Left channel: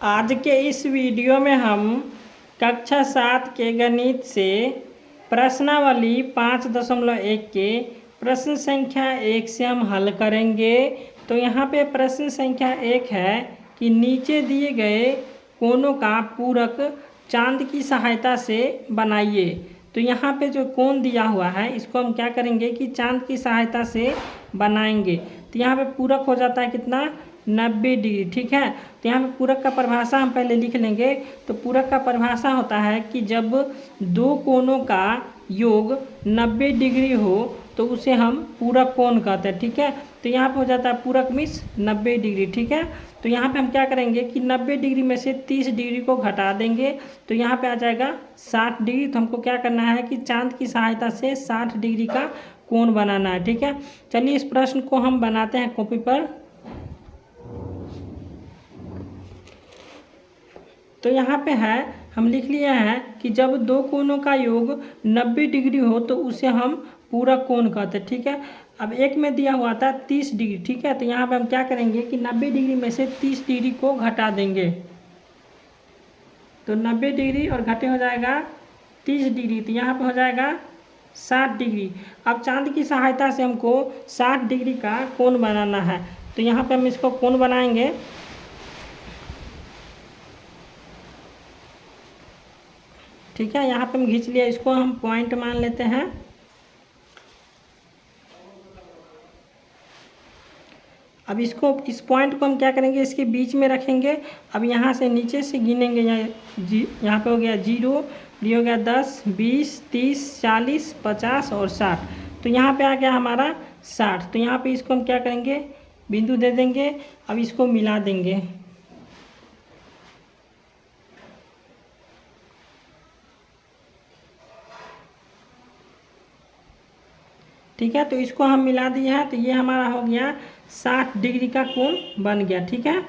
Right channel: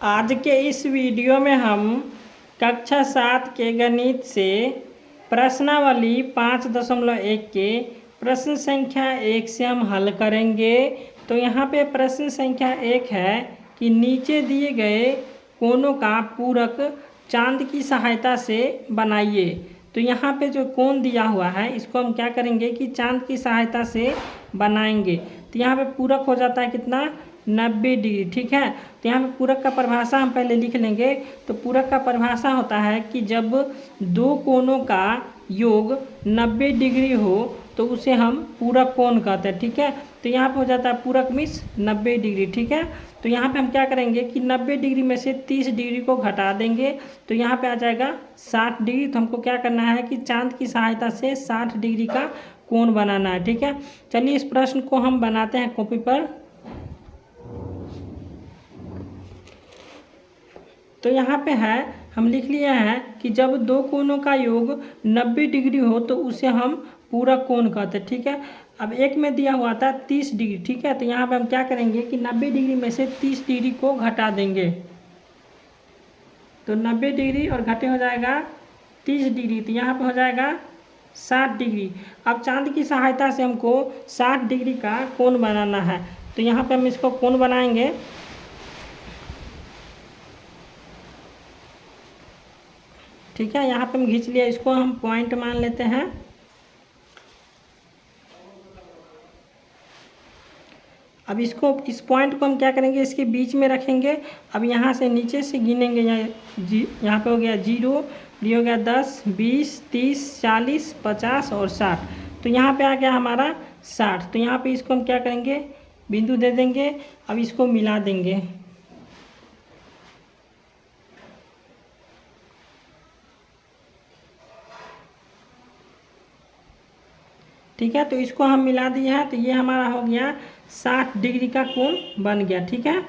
आज के इस वीडियो में हम कक्षा 7 के गणित से प्रश्नावली 5.1 के प्रश्न संख्या 1 से हम हल करेंगे। तो यहाँ पे प्रश्न संख्या 1 है कि नीचे दिए गए कोनों का पूरक चांद की सहायता से बनाइए। तो यहाँ पे जो कोण दिया हुआ है इसको हम क्या करेंगे कि चांद की सहायता से बनाएंगे। तो यहाँ पे पूरक हो जाता है कितना 90 डिग्री। ठीक है, तो यहाँ पे पूरक का परिभाषा हम पहले लिख लेंगे। तो पूरक का परिभाषा होता है कि जब दो कोणों का योग 90 डिग्री हो तो उसे हम पूरक कोण कहते हैं। ठीक है, तो यहाँ पे हो जाता है पूरक मीन्स 90 डिग्री। ठीक है, तो यहाँ पे हम क्या करेंगे कि 90 डिग्री में से 30 डिग्री को घटा देंगे तो यहाँ पे आ जाएगा 60 डिग्री। तो हमको क्या करना है कि चांद की सहायता से 60 डिग्री का कोण बनाना है। ठीक है, चलिए इस प्रश्न को हम बनाते हैं कॉपी पर। तो यहाँ पे है हम लिख लिए हैं कि जब दो कोणों का योग 90 डिग्री हो तो उसे हम पूरक कोण कहते हैं। ठीक है, अब एक में दिया हुआ था 30 डिग्री। ठीक है, तो यहाँ पे हम क्या करेंगे कि 90 डिग्री में से 30 डिग्री को घटा देंगे। तो 90 डिग्री और घटे हो जाएगा 30 डिग्री, तो यहाँ पे हो जाएगा 60 डिग्री। अब चांद की सहायता से हमको 60 डिग्री का कोण बनाना है। तो यहाँ पे हम इसको कोण बनाएंगे। ठीक है, यहाँ पे हम खींच लिया, इसको हम पॉइंट मान लेते हैं। अब इसको इस पॉइंट को हम क्या करेंगे इसके बीच में रखेंगे। अब यहाँ से नीचे से गिनेंगे, यहाँ पे हो गया 0, ये हो गया 10, 20, 30, 40, 50 और 60। तो यहाँ पे आ गया हमारा 60। तो यहाँ पे इसको हम क्या करेंगे बिंदु दे देंगे। अब इसको मिला देंगे। ठीक है, तो इसको हम मिला दिए हैं तो ये हमारा हो गया 60 डिग्री का कोण बन गया। ठीक है,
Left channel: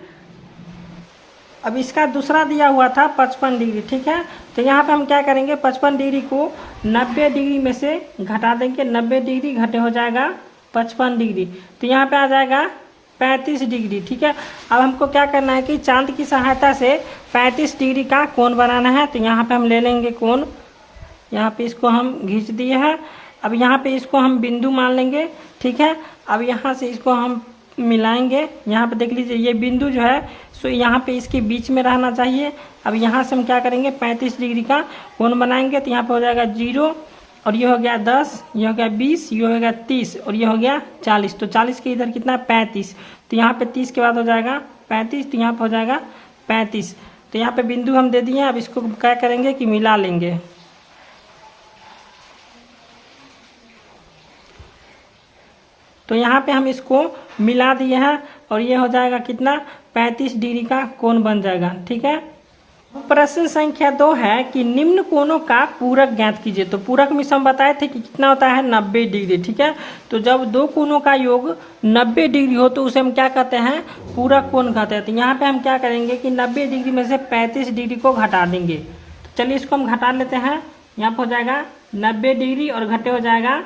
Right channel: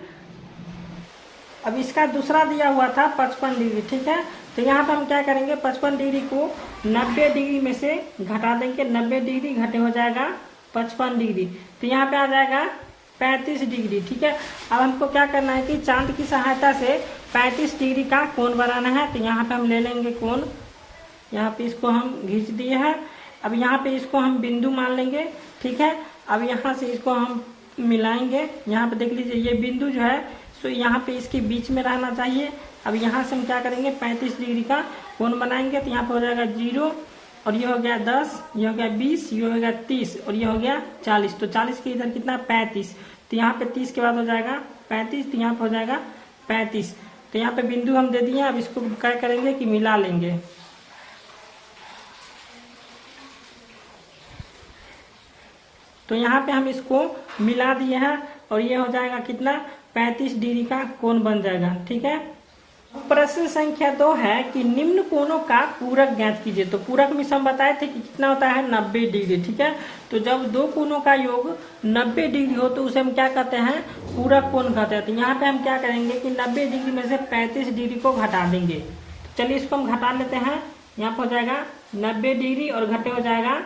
अब इसका दूसरा दिया हुआ था 55 डिग्री। ठीक है, तो यहाँ पे हम क्या करेंगे 55 डिग्री को 90 डिग्री में से घटा देंगे। 90 डिग्री घटे हो जाएगा 55 डिग्री, तो यहाँ पे आ जाएगा 35 डिग्री। ठीक है, अब हमको क्या करना है कि चांद की सहायता से 35 डिग्री का कोण बनाना है। तो यहाँ पे हम ले लेंगे कोण, यहाँ पे इसको हम खींच दिए हैं। अब यहाँ पे इसको हम बिंदु मान लेंगे। ठीक है, अब यहाँ से इसको हम मिलाएंगे। यहाँ पे देख लीजिए ये बिंदु जो है सो यहाँ पे इसके बीच में रहना चाहिए। अब यहाँ से हम क्या करेंगे 35 डिग्री का कोण बनाएंगे। तो यहाँ पे हो जाएगा 0 और ये हो गया 10, ये हो गया 20, ये हो गया 30 और ये हो गया 40। तो 40 के इधर कितना 35, तो यहाँ पे 30 के बाद हो जाएगा 35, तो यहाँ पे हो जाएगा 35। तो यहाँ पे बिंदु हम दे दिए। अब इसको क्या करेंगे कि मिला लेंगे। तो यहाँ पे हम इसको मिला दिए हैं और ये हो जाएगा कितना 35 डिग्री का कोण बन जाएगा। ठीक है, प्रश्न संख्या 2 है कि निम्न कोणों का पूरक ज्ञात कीजिए। तो पूरक में हम बताए थे कि कितना होता है 90 डिग्री। ठीक है, तो जब दो कोणों का योग 90 डिग्री हो तो उसे हम क्या कहते हैं पूरक कोण कहते हैं। तो यहाँ पे हम क्या करेंगे कि 90 डिग्री में से 35 डिग्री को घटा देंगे। तो चलिए इसको हम घटा लेते हैं। यहाँ पे हो जाएगा 90 डिग्री और घटे हो जाएगा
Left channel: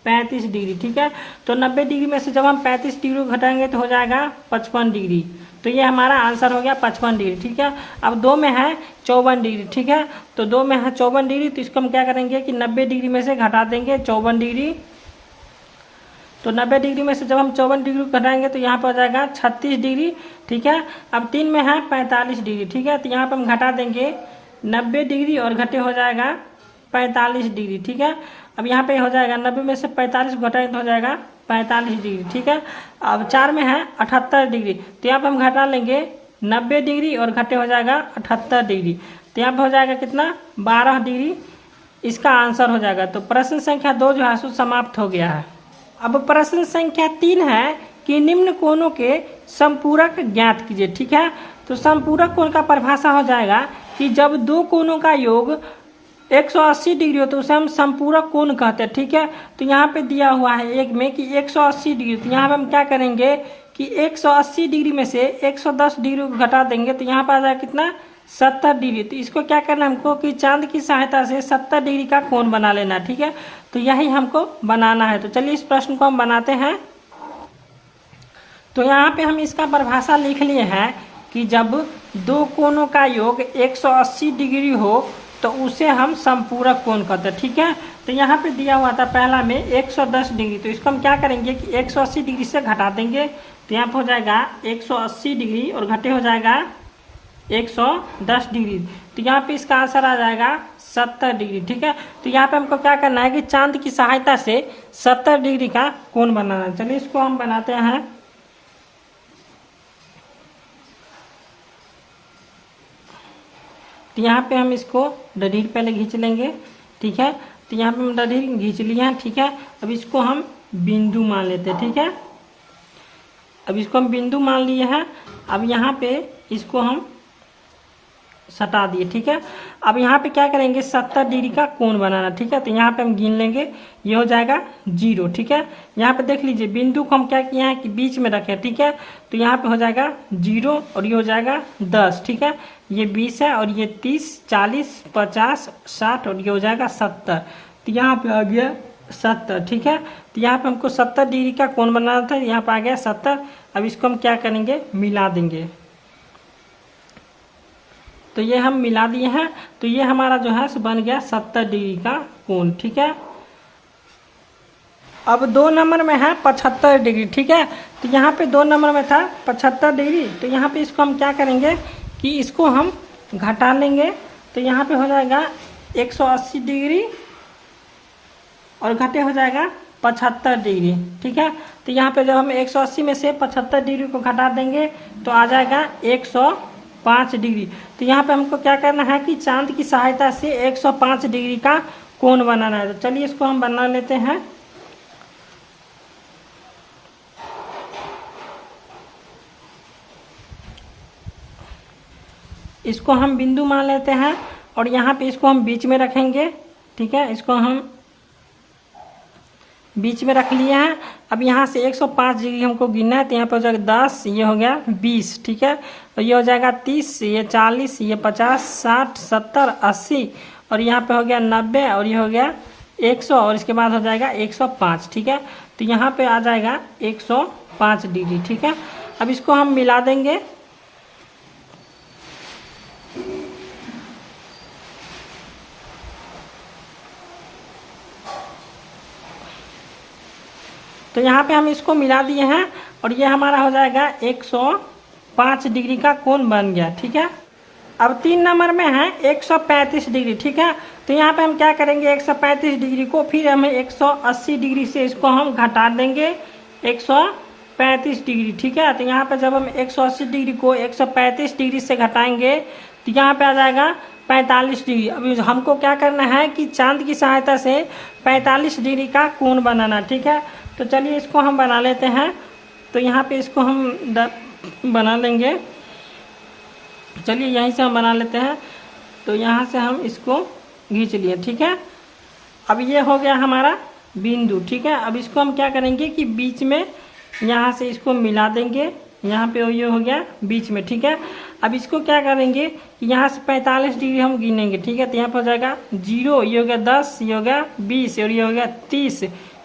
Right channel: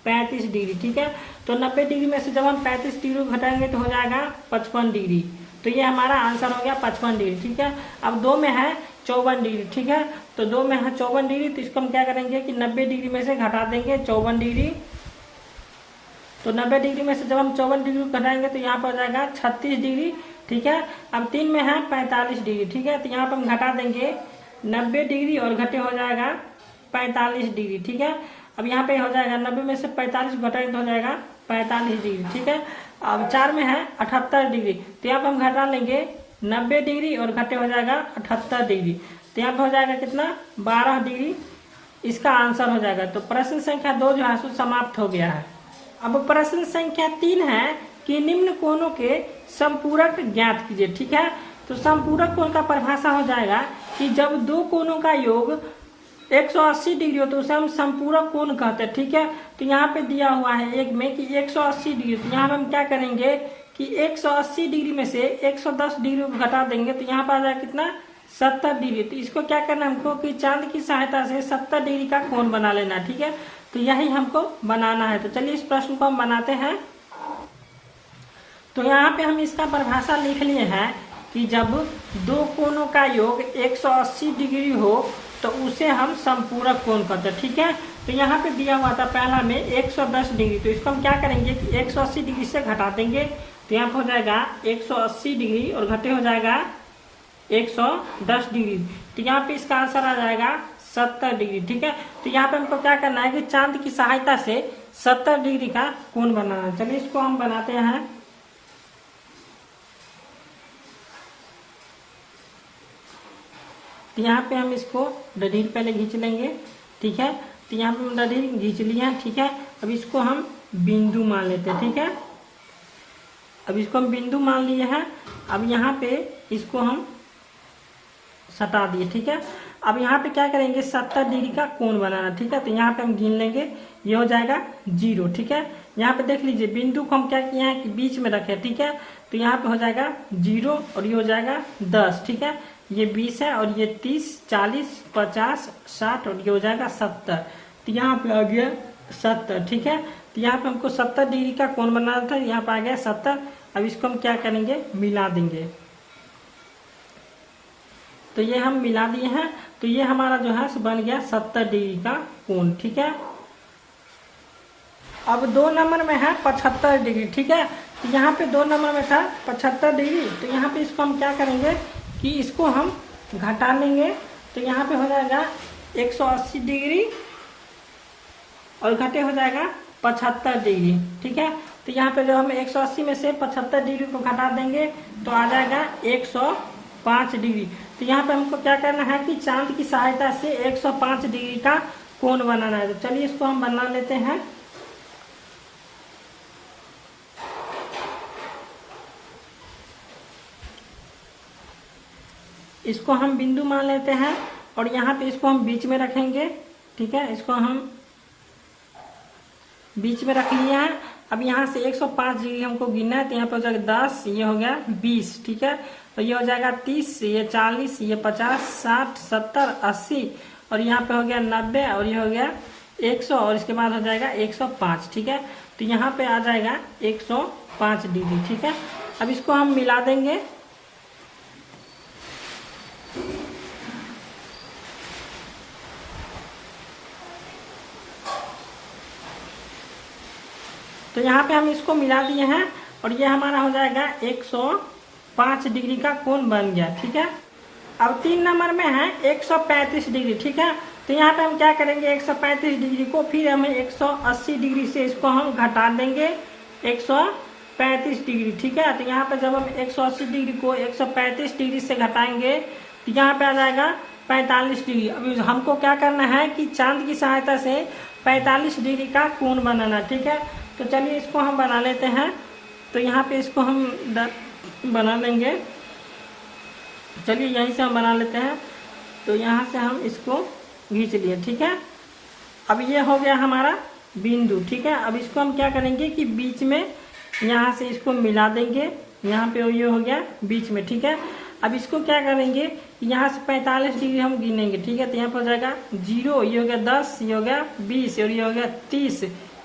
35 डिग्री। ठीक है, तो 90 डिग्री में से जब हम 35 डिग्री को घटाएंगे तो हो जाएगा 55 डिग्री। तो ये हमारा आंसर हो गया 55 डिग्री। ठीक है, अब 2 में है 54 डिग्री। ठीक है, तो 2 में है 54 डिग्री, तो इसको हम क्या करेंगे कि 90 डिग्री में से घटा देंगे 54 डिग्री। तो 90 डिग्री में से जब हम 54 डिग्री को घटाएंगे तो यहाँ पर हो जाएगा 36 डिग्री। ठीक है, अब 3 में है 45 डिग्री। ठीक है, तो यहाँ पर हम घटा देंगे 90 डिग्री और घटे हो जाएगा 45 डिग्री। ठीक है, अब यहाँ पे हो जाएगा 90 में से 45 घटाएंगे तो हो जाएगा 45 डिग्री। ठीक है, अब 4 में है 78 डिग्री, तो यहाँ पे हम घटा लेंगे 90 डिग्री और घटे हो जाएगा 78 डिग्री। तो यहाँ पे हो जाएगा कितना 12 डिग्री इसका आंसर हो जाएगा। तो प्रश्न संख्या 2 जो है सो समाप्त हो गया है। अब प्रश्न संख्या 3 है कि निम्न कोणों के समपूरक ज्ञात कीजिए। ठीक है, तो समपूरक कोण का परिभाषा हो जाएगा कि जब दो कोणों का योग 180 डिग्री हो तो उसे हम समपूरक कोण कहते हैं। ठीक है, तो यहाँ पे दिया हुआ है एक में कि 180 डिग्री, तो यहाँ पे हम क्या करेंगे कि 180 डिग्री में से 110 डिग्री को घटा देंगे तो यहाँ पर आ जाएगा कितना 70 डिग्री। तो इसको क्या करना है हमको कि चांद की सहायता से 70 डिग्री का कोण बना लेना है। ठीक है, तो यही हमको बनाना है। तो चलिए इस प्रश्न को हम बनाते हैं। तो यहाँ पे हम इसका परिभाषा लिख लिए हैं कि जब दो कोणों का योग 180 डिग्री हो तो उसे हम समपूरक कोण कहते हैं। ठीक है, तो यहाँ पे दिया हुआ था पहला में 110 डिग्री, तो इसको हम क्या करेंगे कि 180 डिग्री से घटा देंगे, तो यहाँ पे हो जाएगा 180 डिग्री और घटे हो जाएगा 110 डिग्री, तो यहाँ पे इसका आंसर आ जाएगा 70 डिग्री। ठीक है, तो यहाँ पे हमको क्या करना है कि चांद की सहायता से 70 डिग्री का कोण बनाना है। चलिए इसको हम बनाते हैं। तो यहाँ पे हम इसको डडीर पहले खींच लेंगे। ठीक है, तो यहाँ पे हम डडीर खींच लिया है। ठीक है, अब इसको हम बिंदु मान लेते हैं। ठीक है, अब इसको हम बिंदु मान लिए हैं। अब यहाँ पे इसको हम सटा दिए। ठीक है, अब यहाँ पे क्या करेंगे 70 डिग्री का कोण बनाना। ठीक है, तो यहाँ पे हम गिन लेंगे, ये हो जाएगा 0। ठीक है, यहाँ पे देख लीजिए बिंदु को हम क्या किए हैं कि बीच में रखे। ठीक है, तो यहाँ पे हो जाएगा 0 और ये हो जाएगा 10। ठीक है, ये 20 है और ये 30, 40, 50, 60 और ये हो जाएगा 70, तो यहाँ पे आ गया 70। ठीक है, तो यहाँ पे हमको 70 डिग्री का कोण बनाना था, यहाँ पे आ गया 70। अब इसको हम क्या करेंगे मिला देंगे, तो ये हम मिला दिए हैं, तो ये हमारा जो है बन गया 70 डिग्री का कोण। ठीक है, अब 2 नंबर में है 75 डिग्री। ठीक है, तो यहाँ पे 2 नंबर में था 75 डिग्री, तो यहाँ पे इसको हम क्या करेंगे कि इसको हम घटा लेंगे, तो यहाँ पे हो जाएगा 180 डिग्री और घटे हो जाएगा 75 डिग्री। ठीक है, तो यहाँ पे जब हम 180 में से 75 डिग्री को घटा देंगे तो आ जाएगा 105 डिग्री। तो यहाँ पे हमको क्या करना है कि चांद की सहायता से 105 डिग्री का कोण बनाना है। तो चलिए इसको हम बना लेते हैं। इसको हम बिंदु मान लेते हैं और यहाँ पे इसको हम बीच में रखेंगे। ठीक है, इसको हम बीच में रख लिए हैं। अब यहाँ से 105 डिग्री हमको गिनना है, तो यहाँ पे हो जाएगा 10, ये हो गया 20। ठीक है, और ये हो जाएगा 30, ये 40, ये 50, 60, 70, 80 और यहाँ पे हो गया 90 और ये हो गया 100 और इसके बाद हो जाएगा 105। ठीक है, तो यहाँ पे आ जाएगा 105 डिग्री। ठीक है, अब इसको हम मिला देंगे। तो यहाँ पे हम इसको मिला दिए हैं और ये हमारा हो जाएगा 105 डिग्री का कोण बन गया। ठीक है, अब 3 नंबर में है 135 डिग्री। ठीक है, तो यहाँ पे हम क्या करेंगे 135 डिग्री को फिर हमें 180 डिग्री से इसको हम घटा देंगे 135 डिग्री। ठीक है, तो यहाँ पे जब हम 180 डिग्री को 135 डिग्री से घटाएंगे तो यहाँ पे आ जाएगा 45 डिग्री। अभी हमको क्या करना है कि चांद की सहायता से 45 डिग्री का कोण बनाना। ठीक है, तो चलिए इसको हम बना लेते हैं। तो यहाँ पे इसको हम बना लेंगे। चलिए यहीं से हम बना लेते हैं, तो यहाँ से हम इसको खींच लिए। ठीक है, अब ये हो गया हमारा बिंदु। ठीक है, अब इसको हम क्या करेंगे कि बीच में यहाँ से इसको मिला देंगे, यहाँ पे ये हो गया बीच में। ठीक है, अब इसको क्या करेंगे यहाँ से 45 डिग्री हम गिनेंगे। ठीक है, तो यहाँ पर हो जाएगा 0, ये हो गया 10, ये हो गया 20 और ये हो गया 30,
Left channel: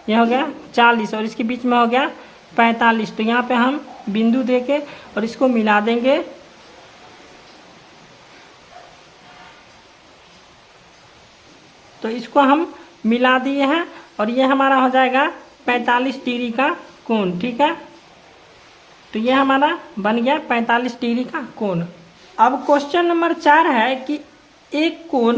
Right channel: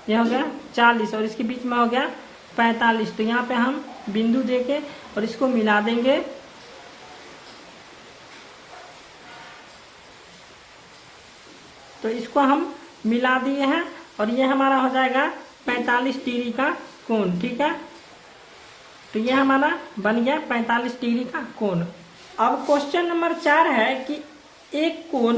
ये हो गया 40 और इसके बीच में हो गया 45। तो यहाँ पे हम बिंदु देके और इसको मिला देंगे। तो इसको हम मिला दिए हैं और ये हमारा हो जाएगा 45 डिग्री का कोण। ठीक है, तो ये हमारा बन गया 45 डिग्री का कोण। अब क्वेश्चन नंबर 4 है कि एक कोण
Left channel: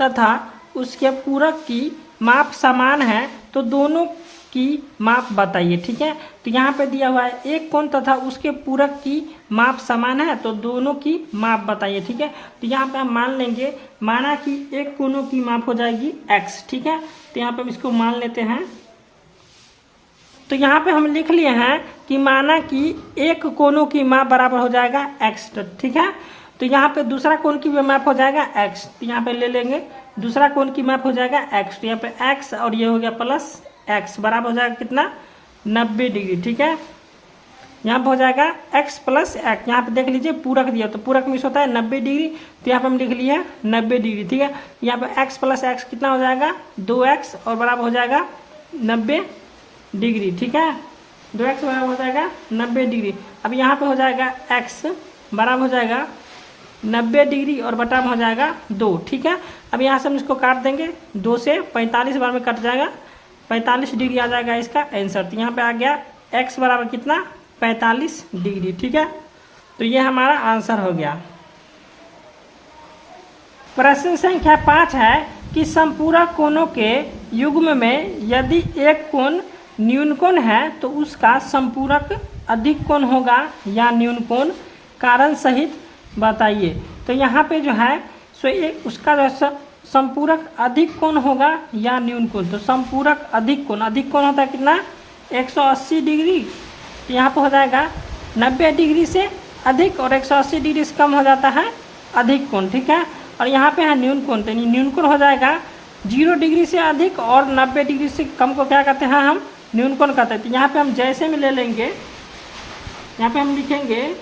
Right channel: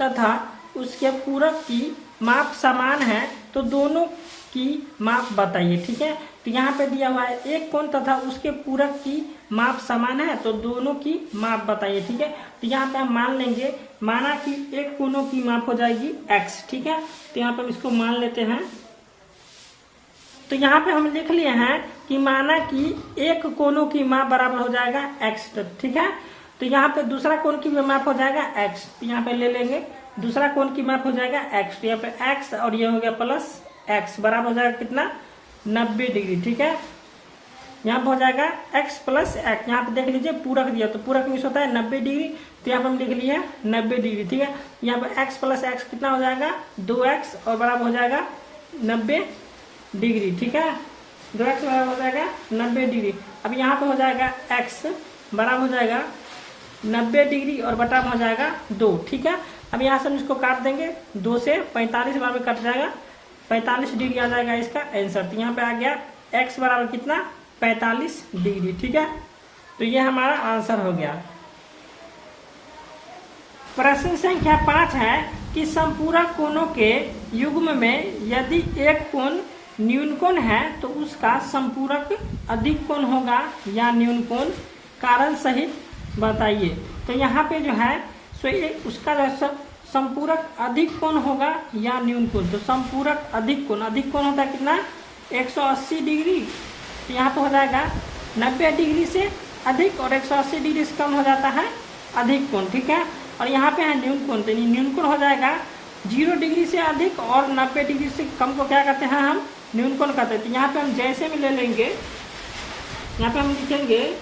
तथा उसके पूरक की माप समान है तो दोनों की माप बताइए। ठीक है, तो यहाँ पे दिया हुआ है एक कोण तथा उसके पूरक की माप समान है तो दोनों की माप बताइए। ठीक है, तो यहाँ पे हम मान लेंगे, माना कि एक कोणों की माप हो जाएगी x। ठीक है, तो यहाँ पे हम इसको मान लेते हैं। तो यहाँ पे हम लिख लिए हैं कि माना कि एक कोणों की माप बराबर हो जाएगा x। ठीक है, तो यहाँ पे दूसरा कोण की माप हो जाएगा x, तो यहाँ पे ले लेंगे दूसरा कोण की माप हो जाएगा x, तो यहाँ पे x और ये हो गया प्लस x बराबर हो जाएगा कितना 90 डिग्री। ठीक है, यहाँ पे हो जाएगा x प्लस x। यहाँ पे देख लीजिए पूरक दिया, तो पूरक में होता है 90 डिग्री, तो यहाँ पे हम लिख लिए 90 डिग्री। ठीक है, यहाँ पे x प्लस x कितना हो जाएगा 2x और बराबर हो जाएगा 90 डिग्री। ठीक है, 2x बराबर हो जाएगा 90 डिग्री। अब यहाँ पे हो जाएगा x बराबर हो जाएगा 90 डिग्री और बटा में हो जाएगा 2। ठीक है, अब यहाँ से हम इसको काट देंगे, 2 से 45 बार में कट जाएगा, 45 डिग्री आ जाएगा इसका आंसर। तो यहाँ पे आ गया x बराबर कितना 45 डिग्री। ठीक है, तो ये हमारा आंसर हो गया। प्रश्न संख्या 5 है कि संपूरक कोणों के युग्म में यदि एक कोण न्यून कोण है तो उसका संपूरक अधिक कोण होगा या न्यून कोण, कारण सहित बताइए। तो यहाँ पे जो है सो उसका जो संपूरक अधिक कोण होगा या न्यून कोण, तो संपूरक अधिक कोण होता है कितना 180 डिग्री। तो यहाँ पे हो जाएगा 90 डिग्री से अधिक और 180 डिग्री से कम हो जाता है अधिक कोण। ठीक है, और यहाँ पे है न्यून कोण, तो न्यून कोण हो जाएगा 0 डिग्री से अधिक और 90 डिग्री से कम को क्या कहते हैं हम न्यून कोण कहते हैं। तो यहाँ पे हम जैसे में ले लेंगे, यहाँ पे हम लिखेंगे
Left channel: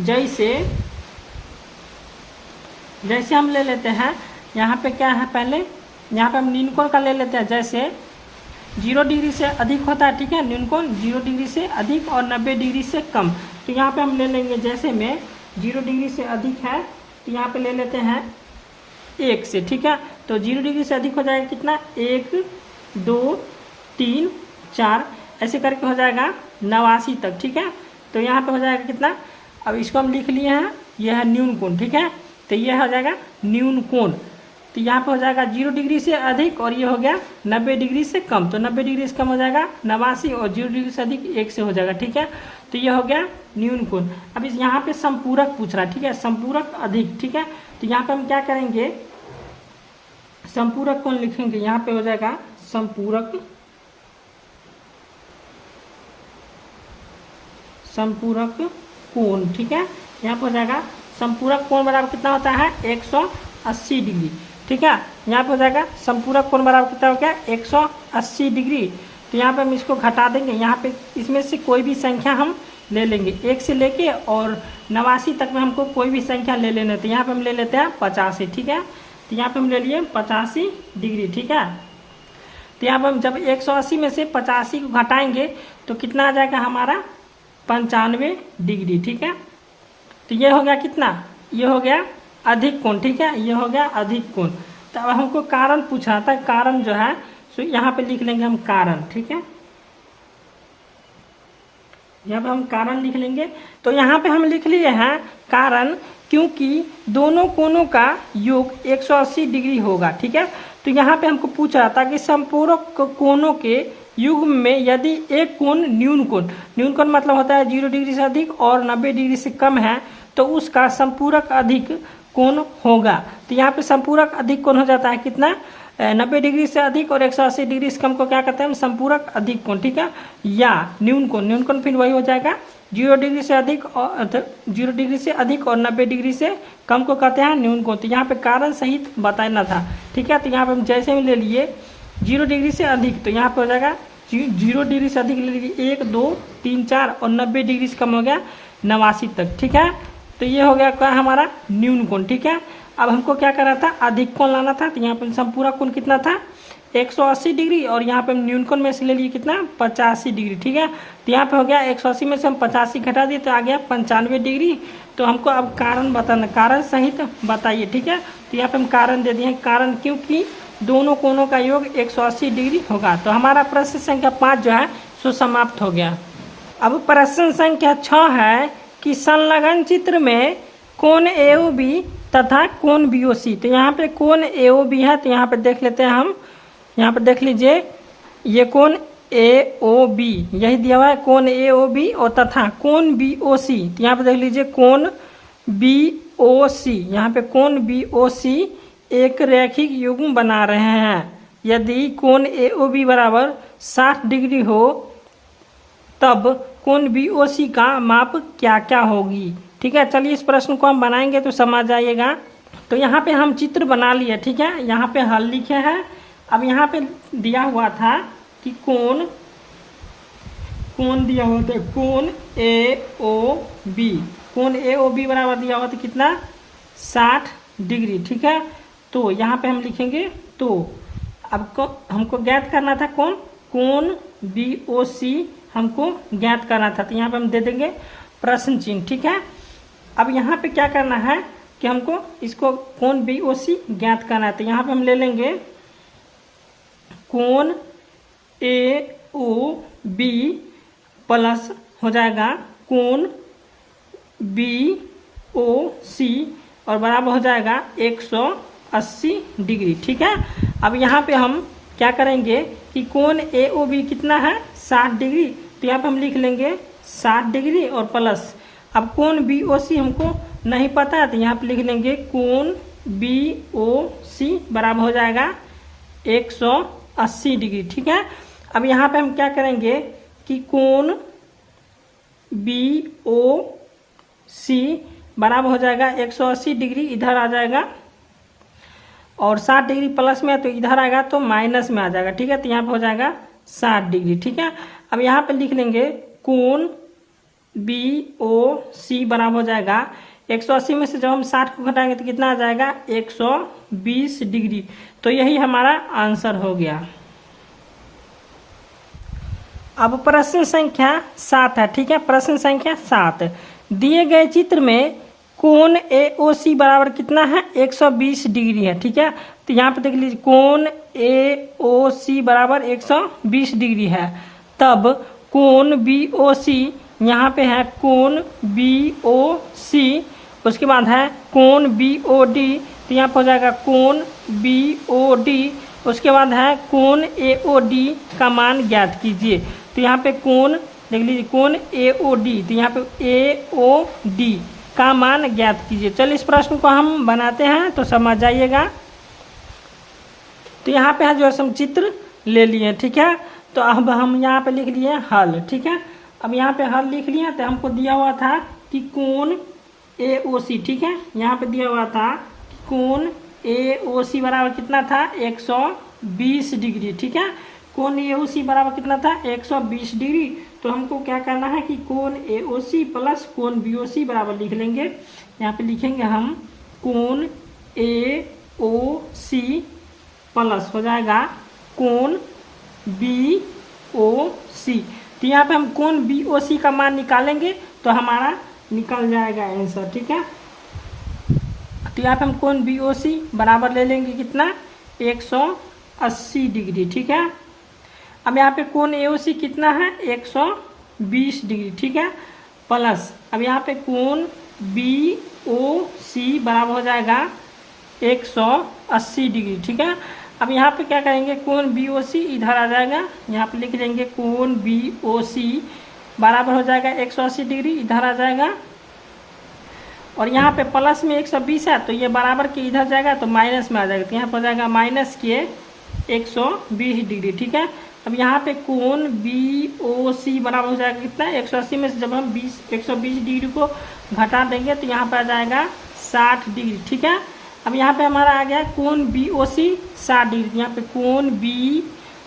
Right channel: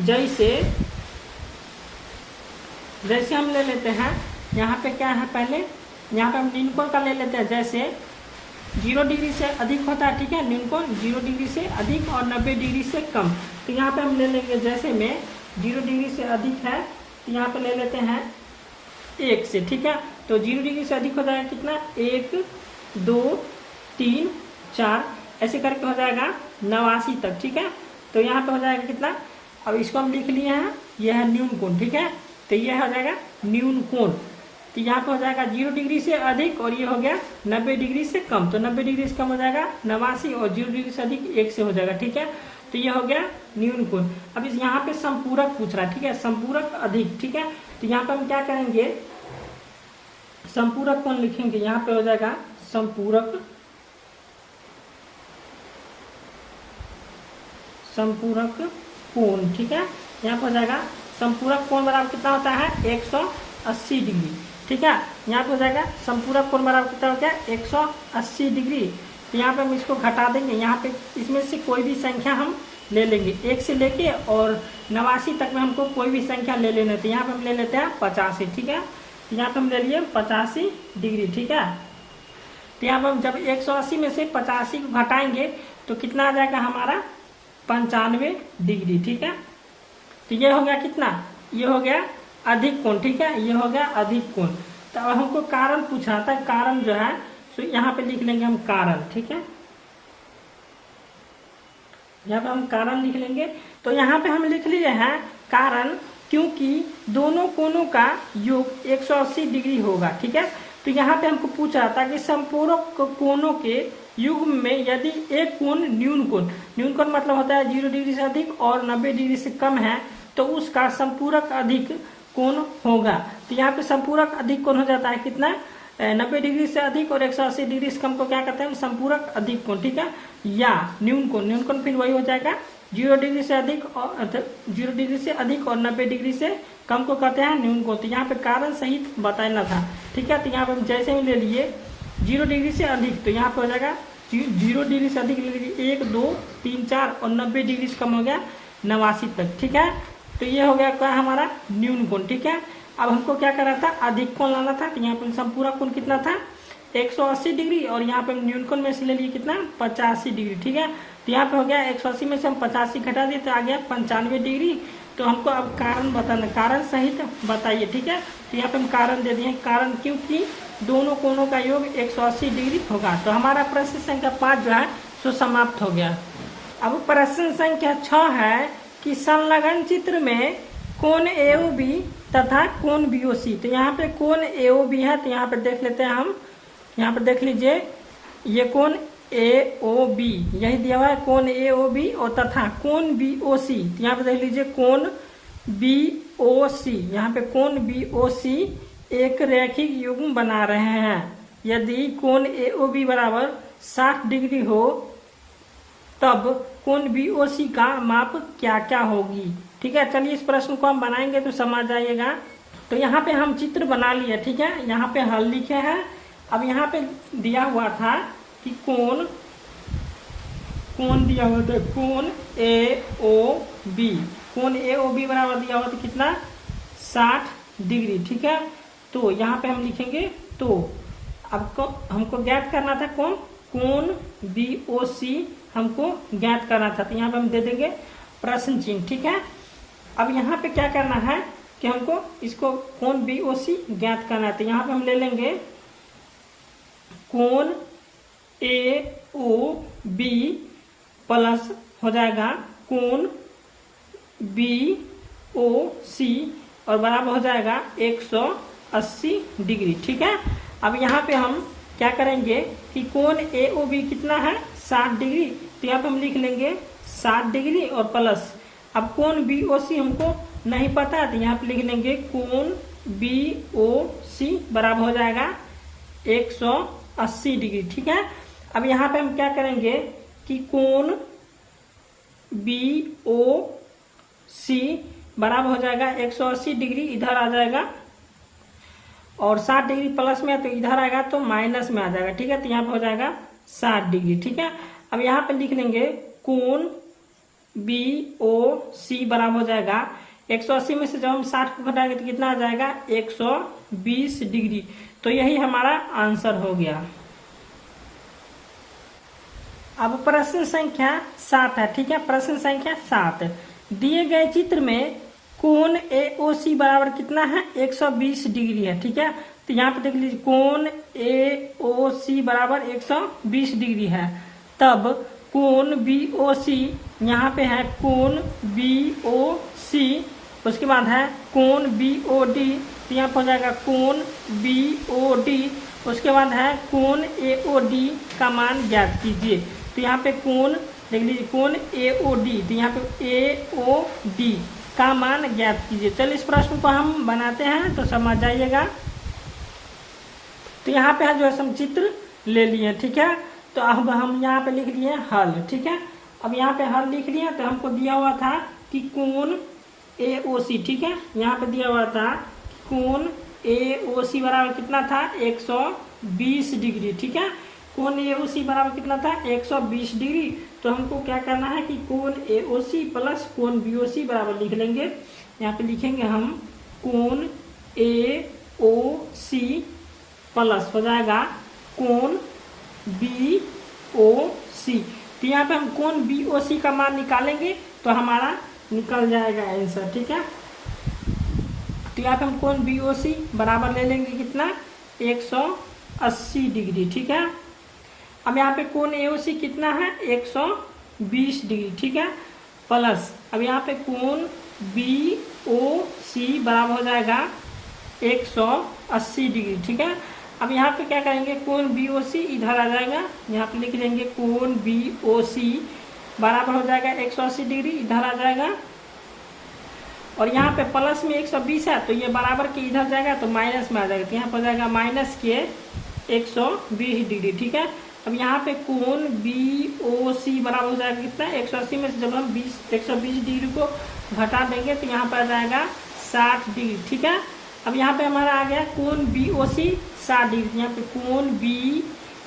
जैसे हम ले लेते हैं, यहाँ पे क्या है पहले यहाँ पे हम न्यून कोण का ले लेते हैं, जैसे 0 डिग्री से अधिक होता है। ठीक है, न्यून कोण 0 डिग्री से अधिक और 90 डिग्री से कम। तो यहाँ पे हम ले लेंगे जैसे में 0 डिग्री से अधिक है तो यहाँ पे ले लेते हैं 1 से। ठीक है, तो 0 डिग्री से अधिक हो जाएगा कितना 1 2 3 4 ऐसे करके हो जाएगा 89 तक। ठीक है, तो यहाँ पे हो जाएगा कितना, अब इसको हम लिख लिए हैं, यह है न्यून कोण। ठीक है, तो यह हो जाएगा न्यून कोण। तो यहाँ पे हो जाएगा 0 डिग्री से अधिक और ये हो गया 90 डिग्री से कम, तो 90 डिग्री से कम हो जाएगा 89 और 0 डिग्री से अधिक 1 से हो जाएगा। ठीक है, तो ये हो गया न्यून कोण। अब इस यहाँ पे संपूरक पूछ रहा है। ठीक है, संपूरक अधिक। ठीक है, तो यहाँ पे हम क्या करेंगे संपूरक कोण लिखेंगे, यहाँ पे हो जाएगा संपूरक कोण। ठीक है, यहाँ पे हो जाएगा संपूरक कोण बराबर कितना होता है 180 डिग्री। ठीक है, यहाँ पे हो जाएगा संपूरक कोण बराबर कितना हो गया 180 डिग्री। तो यहाँ पे हम इसको घटा देंगे, यहाँ पे इसमें से कोई भी संख्या हम ले लेंगे, 1 से लेके और 89 तक में हमको कोई भी संख्या ले लेना है। तो यहाँ पे हम ले लेते हैं 85। ठीक है, तो यहाँ पे हम ले लिए 85 डिग्री। ठीक है, तो यहाँ पे हम जब 180 में से 85 को घटाएंगे तो कितना आ जाएगा हमारा 95 डिग्री। ठीक है, तो ये हो गया कितना, ये हो गया अधिक कोण। ठीक है, ये हो गया अधिक कोण। तो अब हमको कारण पूछा था, कारण जो है तो यहाँ पे लिख लेंगे हम कारण। ठीक है, यहाँ पे हम कारण लिख लेंगे। तो यहाँ पे हम लिख लिए हैं कारण, क्योंकि दोनों कोणों का योग 180 डिग्री होगा। ठीक है, तो यहाँ पे हमको पूछा था कि संपूरक कोणों के युग्म में यदि एक कोण न्यून कोण मतलब होता है 0 डिग्री से अधिक और 90 डिग्री से कम है तो उसका संपूरक अधिक कोण होगा। तो यहाँ पे संपूरक अधिक कोण हो जाता है कितना 90 डिग्री से अधिक और 180 डिग्री से कम को क्या कहते हैं संपूरक अधिक कोण। ठीक है, या न्यून कोण फिर वही हो जाएगा 0 डिग्री से अधिक और 0 डिग्री से अधिक और 90 डिग्री से कम को कहते हैं न्यून कोण। तो यहाँ पे कारण सहित बताना था। ठीक है, तो यहाँ पे हम जैसे भी ले लिए 0 डिग्री से अधिक, तो यहाँ पे हो जाएगा 0 डिग्री से अधिक ले लीजिए 1 2 3 4 और 90 डिग्री से कम हो गया 89 तक। ठीक है, तो ये हो गया क्या हमारा न्यून कोण। ठीक है, अब हमको क्या करना था अधिक कोण लाना था। तो यहाँ पे संपूरक कोण कितना था 180 डिग्री और यहाँ पे हम न्यून कोण में से ले लिए कितना 85 डिग्री। ठीक है, तो यहाँ पे हो गया 180 में से हम 85 घटा दिए तो आ गया 95 डिग्री। तो हमको अब कारण बताना, कारण सहित बताइए। ठीक है, तो यहाँ पे हम कारण दे दिए, कारण क्योंकि दोनों कोणों का योग 180 डिग्री होगा। तो हमारा प्रश्न संख्या 5 जो है सो समाप्त हो गया। अब प्रश्न संख्या 6 है कि संलग्न चित्र में कोण AOB तथा कोण BOC। तो यहाँ पे कोण AOB है, तो यहाँ पे देख लेते हैं हम, यहाँ पे देख लीजिए ये कोण AOB यही दिया हुआ है कोण AOB और तथा कोण BOC। तो यहाँ पे देख लीजिए कोण BOC, यहाँ पे कोण BOC एक रैखिक युग्म बना रहे हैं। यदि कोण AOB बराबर 60 डिग्री हो तब कोण BOC का माप क्या क्या होगी। ठीक है, चलिए इस प्रश्न को हम बनाएंगे तो समझ जाइएगा। तो यहाँ पे हम चित्र बना लिए। ठीक है, यहाँ पे हल लिखे हैं। अब यहाँ पे दिया हुआ था कि कोण दिया हुआ था कोण AOB, कोण AOB बराबर दिया हुआ था कितना 60 डिग्री। ठीक है, तो यहाँ पे हम लिखेंगे तो अब हमको ज्ञात करना था कोण BOC हमको ज्ञात करना था। तो यहाँ पे हम दे देंगे प्रश्न चिन्ह। ठीक है, अब यहाँ पे क्या करना है कि हमको इसको कोण BOC ज्ञात करना है। तो यहाँ पे हम ले लेंगे कोण AOB प्लस हो जाएगा कोण BOC और बराबर हो जाएगा 180 डिग्री। ठीक है। अब यहाँ पे हम क्या करेंगे कि कोण AOB कितना है 60 डिग्री, तो यहाँ पे हम लिख लेंगे 60 डिग्री और प्लस। अब कोण BOC हमको नहीं पता है, तो यहाँ पे लिख लेंगे कोण BOC बराबर हो जाएगा 180 डिग्री। ठीक है। अब यहाँ पे हम क्या करेंगे कि कोण BOC बराबर हो जाएगा 180 डिग्री, इधर आ जाएगा और 60 डिग्री प्लस में है तो इधर आएगा तो माइनस में आ जाएगा। ठीक है। तो यहाँ पे हो जाएगा 60 डिग्री। ठीक है। अब यहाँ पे लिख लेंगे कोण BOC बराबर हो जाएगा 180 में से जब हम 60 को घटाएंगे तो कितना आ जाएगा 120 डिग्री। तो यही हमारा आंसर हो गया। अब प्रश्न संख्या 7 है। ठीक है। प्रश्न संख्या 7, दिए गए चित्र में कोण AOC बराबर कितना है 120 डिग्री है। ठीक है। तो यहाँ पे देख लीजिए कोण AOC बराबर 120 डिग्री है। तब कोण BOC यहाँ पे है कोण BOC, उसके बाद है कोण BOD, तो यहाँ पे हो जाएगा कोण BOD, उसके बाद है कोण AOD का मान ज्ञात कीजिए। तो यहाँ पे कोण देख लीजिए कोण AOD, तो यहाँ पे AOD का मान ज्ञात कीजिए। चलिए इस प्रश्न को हम बनाते हैं तो समझ जाइएगा। तो यहाँ पे है जो हम चित्र ले लिए। ठीक है। तो अब हम यहाँ पे लिख लिए हल। ठीक है। अब यहाँ पे हल लिख लिया। तो हमको दिया हुआ था कि कोण AOC, ठीक है, यहाँ पे दिया हुआ था कोण AOC बराबर कितना था 120 डिग्री। ठीक है। कोण AOC बराबर कितना था 120 डिग्री। तो हमको क्या करना है कि कोण AOC प्लस कोण BOC बराबर लिख लेंगे। यहाँ पे लिखेंगे हम कोण AOC प्लस हो जाएगा कोण BOC। तो यहाँ पे हम कोण BOC का मान निकालेंगे तो हमारा निकल जाएगा आंसर। ठीक है। तो यहाँ पे हम कोण BOC बराबर ले लेंगे कितना 180 डिग्री। ठीक है। अब यहाँ पे कोण AOC कितना है 120 डिग्री। ठीक है। प्लस अब यहाँ पे कोण BOC बराबर हो जाएगा 180 डिग्री। ठीक है। अब यहाँ पे क्या करेंगे कोण BOC इधर आ जाएगा, यहाँ पे लिख लेंगे कोण BOC बराबर हो जाएगा 180 डिग्री, इधर आ जाएगा और यहाँ पे प्लस में 120 है तो ये बराबर के इधर जाएगा तो माइनस में आ जाएगा। तो यहाँ पर जाएगा माइनस के 120 डिग्री। ठीक है। अब यहाँ पे कोण BOC बराबर हो जाएगा कितना 180 में से जब हम 120 डिग्री को घटा देंगे तो यहाँ पे आ जाएगा 60 डिग्री। ठीक है। अब यहाँ पे हमारा आ गया कोण BOC 60 डिग्री, यहाँ पे कोण B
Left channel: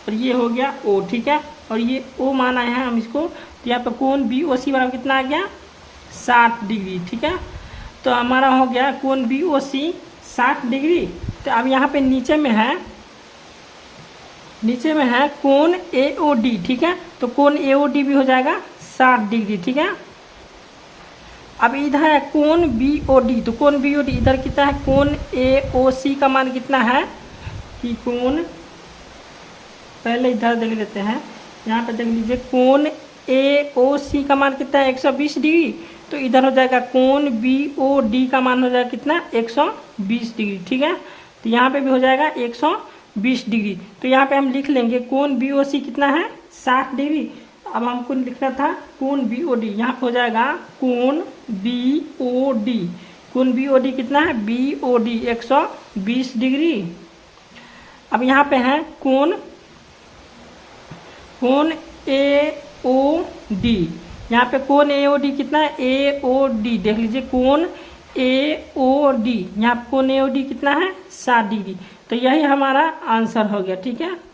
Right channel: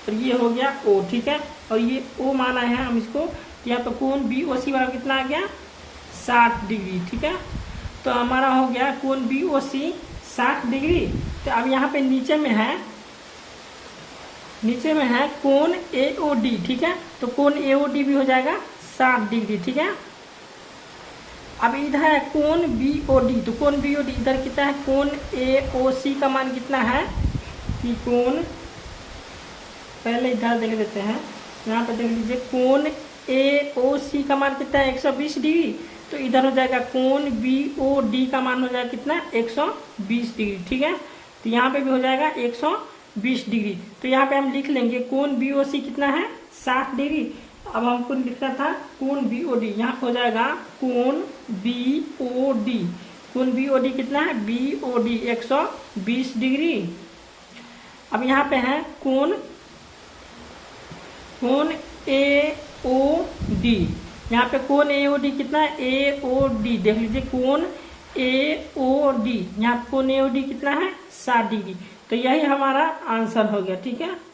और ये हो गया O। ठीक है। और ये O माना है हम इसको, तो यहाँ पे कोण BOC बराबर कितना आ गया 60 डिग्री। ठीक है। तो हमारा हो गया कोण BOC 60 डिग्री। तो अब यहाँ पे नीचे में है कोण AOD। ठीक है। तो कोण AOD भी हो जाएगा 60 डिग्री। ठीक है। अब इधर है कोण BOD, तो कोण BOD इधर कितना है कोण AOC का मान कितना है कि कोण पहले इधर देख लेते हैं। यहाँ पे देख लीजिए कोण AOC का मान कितना है 120 डिग्री, तो इधर हो जाएगा कोण BOD का मान हो जाएगा कितना 120 डिग्री। ठीक है। तो यहाँ पे भी हो जाएगा 120 डिग्री। तो यहाँ पे हम लिख लेंगे कोण BOC कितना है 60 डिग्री। अब हमको लिखना था कोण BOD, यहाँ पे हो जाएगा कोण BOD। कोण BOD कितना है BOD 120 डिग्री। अब यहाँ पे है कोण AOD, यहाँ पे कोण AOD कितना है AOD देख लीजिए कोण AOD, यहाँ पे कोण AOD कितना है 60 डिग्री। तो यही हमारा आंसर हो गया। ठीक है।